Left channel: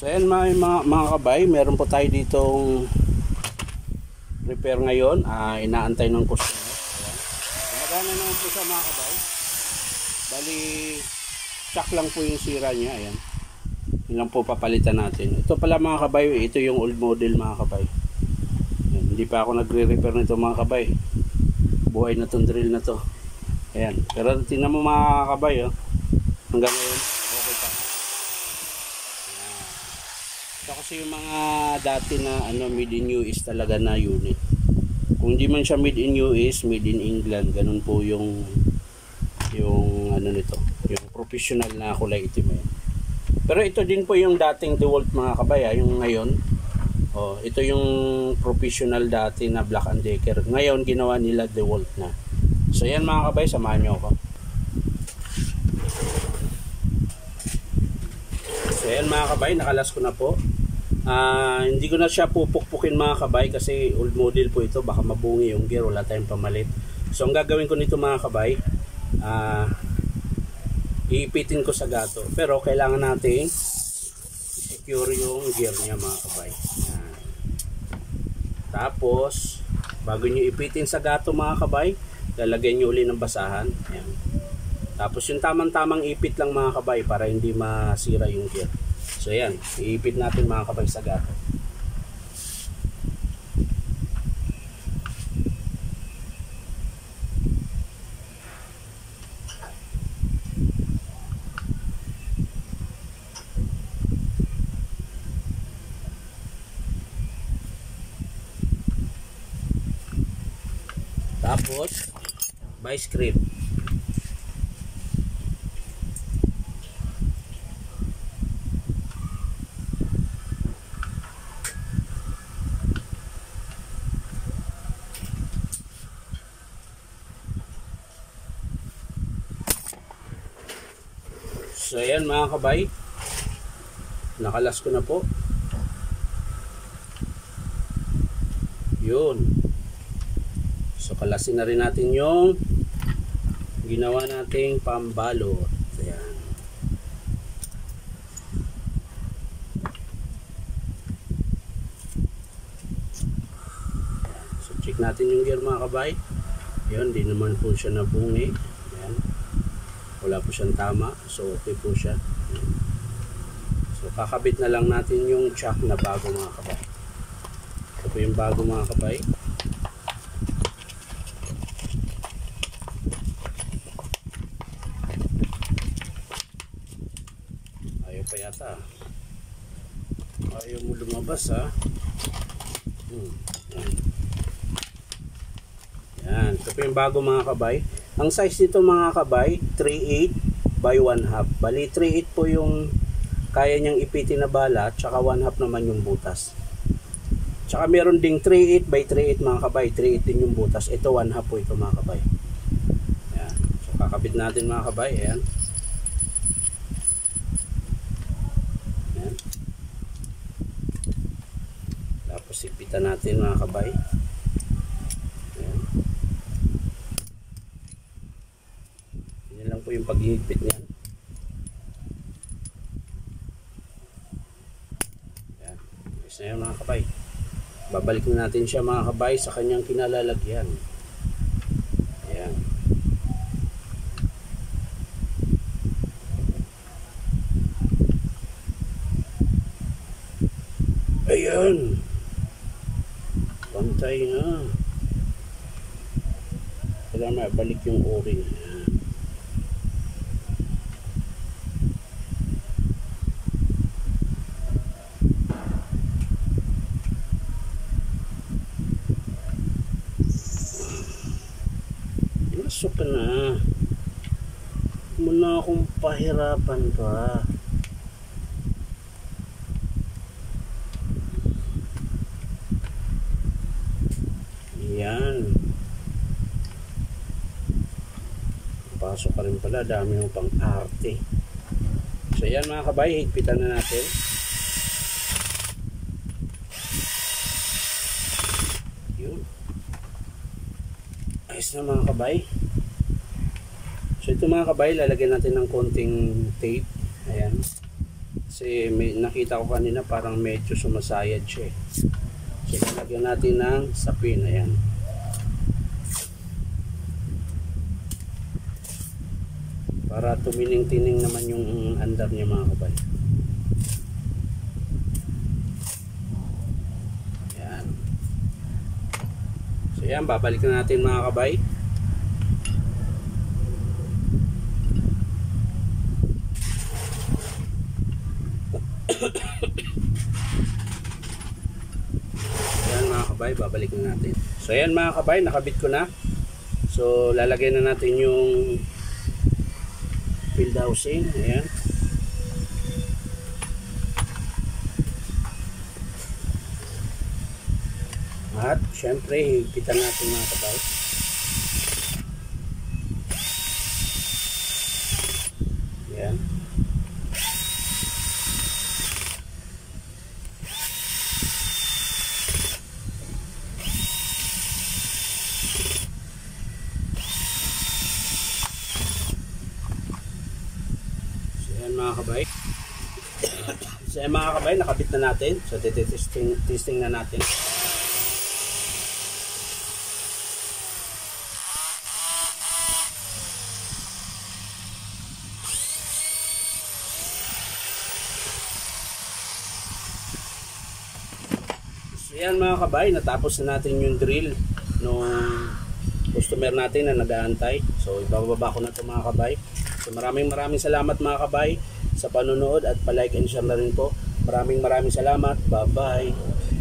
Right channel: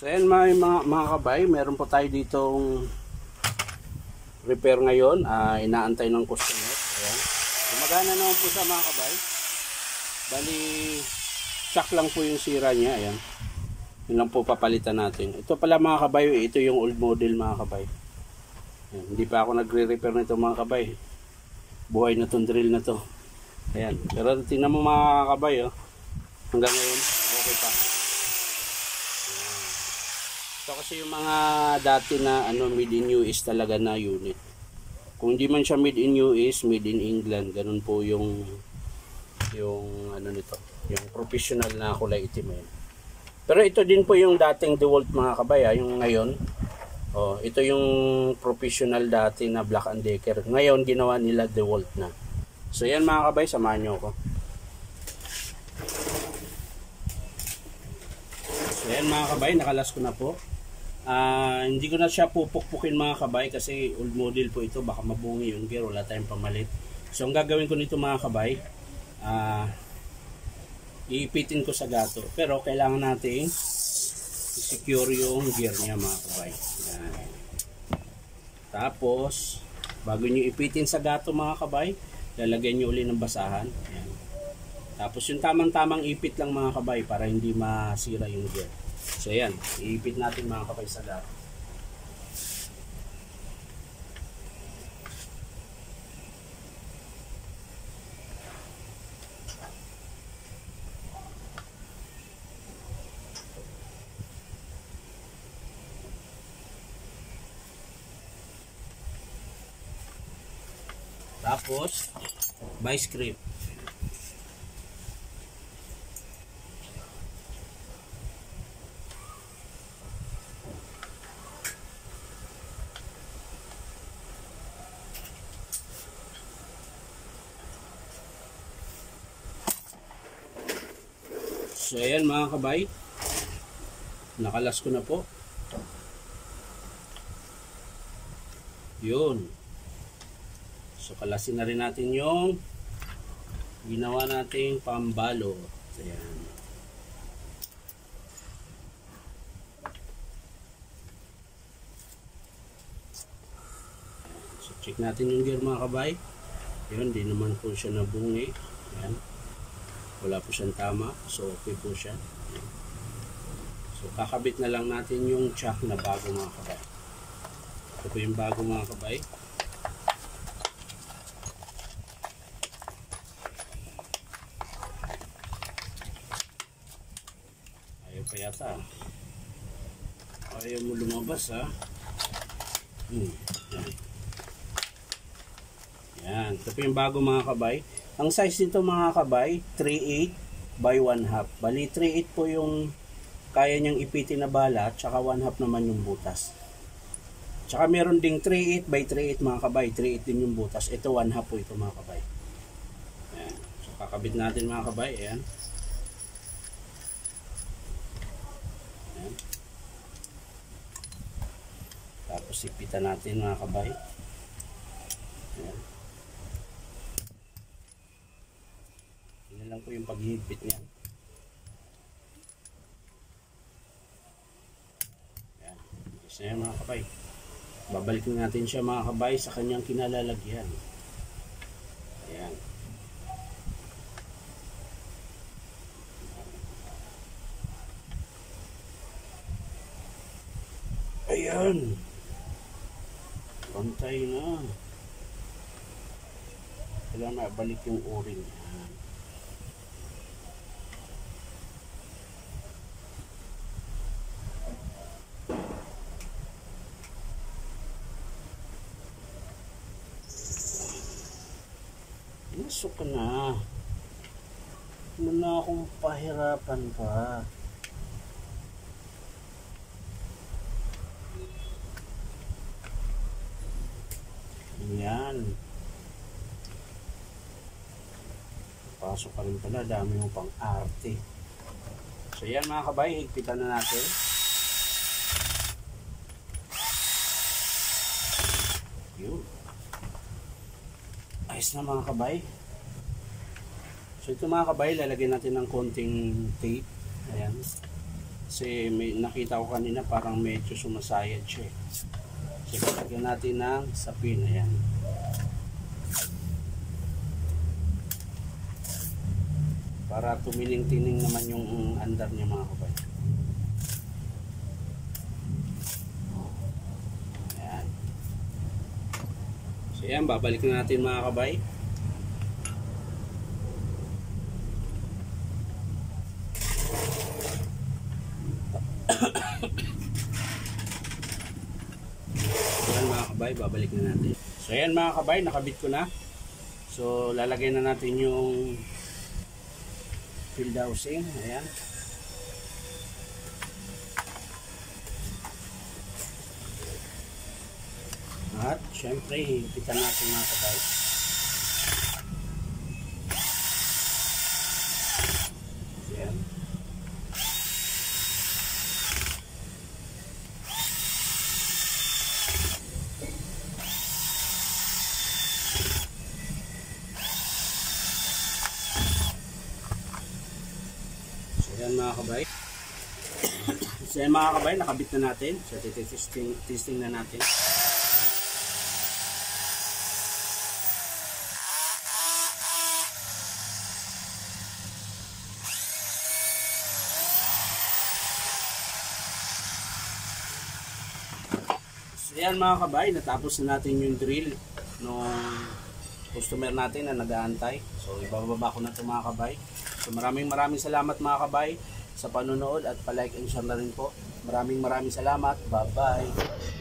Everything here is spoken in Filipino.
So ayan mga kabay, meron po tayo ditong repair ngayon. Inaantay ng customer. Ayan. Gumagana naman po sa mga kabay. Bali, shock lang po yung sira niya. Ayan. Yun lang po papalitan natin. Ito pala mga kabay, ito yung old model mga kabay. Ayan. Hindi pa ako nagre-repair nito mga kabay. Buhay na tong drill na to. Ayan. Pero tingnan mo mga kabay, oh. Hanggang ngayon, okay pa. Ito kasi yung mga dati na made in US talaga na unit. Kung di man siya made in US, made in England, ganun po yung nito, yung professional na kulay itim yan. Pero ito din po yung dating DeWalt mga kabay, yung ngayon. Oh, ito yung professional dati na Black & Decker. Ngayon ginawa nila DeWalt na. So yan mga kabay, samahan nyo ako. So yan mga kabay, nakalas ko na po. Hindi ko na siya pupukpukin mga kabay kasi old model po ito, baka mabungi yung gear, wala tayong pamalit. So ang gagawin ko nito mga kabay, iipitin ko sa gato, pero kailangan nating i-secure yung gear niya mga kabay. Yan. Tapos bago nyo ipitin sa gato mga kabay, lalagyan nyo uli ng basahan. Yan. Tapos yung tamang-tamang ipit lang mga kabay para hindi masira yung gear. So yan, iipit natin mga kabay sa gato. Tapos vice grip. So ayan mga kabay, nakalas ko na po. Yun. So kalasin na rin natin yung ginawa nating pambalot. Ayan. So check natin yung gear mga kabay. Yun, di naman po siya nabungi. Ayan. Wala po siyang tama. So okay po siya. Ayan. So kakabit na lang natin yung chuck na bago mga kabay. Ito po yung bago mga kabay. Pa yata ayaw mo lumabas ha. Yan. Yan, ito po yung bago mga kabay. Ang size nito mga kabay 3/8 by 1/2. Bali 3/8 po yung kaya niyang ipitin na bala, tsaka 1/2 naman yung butas. Tsaka meron ding 3/8 by 3/8 mga kabay, 3/8 din yung butas. Ito 1/2 po ito mga kabay. Yan. So kakabit natin mga kabay. Ayan. Tapos ipitan natin mga kabay. Ayan. Yan lang po yung paghihigpit niya. Ayan. Yes na yun mga kabay. Babalik na natin siya mga kabay sa kanyang kinalalagyan. Ayan. Ayan. Pantay na. Kailangan mabalik yung o-ring. Masok ka na. Muna akong pahirapan pa. Yan. Pasok ka rin pala. Dami mo pang arte. So yan mga kabay. Higpitan na natin. Yun. Ayos na mga kabay. So ito mga kabay, lalagyan natin ng konting tape. Ayan. Kasi may, nakita ko kanina parang medyo sumasayad siya eh. So lalagyan natin ng sapin. Ayan. Para tumining-tining naman yung andar niya mga kabay. Ayan. So yan, babalik na natin mga kabay. Ayan mga kabay, babalik na natin. So ayan mga kabay, nakabit ko na. So lalagay na natin yung field housing. Ayan. At syempre higpitan natin mga kabay. Ayan. Ayan mga kabay. So ayan mga kabay, nakabit na natin. So testing na natin. So ayan mga kabay, natapos na natin yung drill nung customer natin na nag-aantay. So ibababa ko na ito mga kabay. So maraming salamat mga kabay sa panonood at pa-like and share na rin po. Maraming salamat. Bye-bye.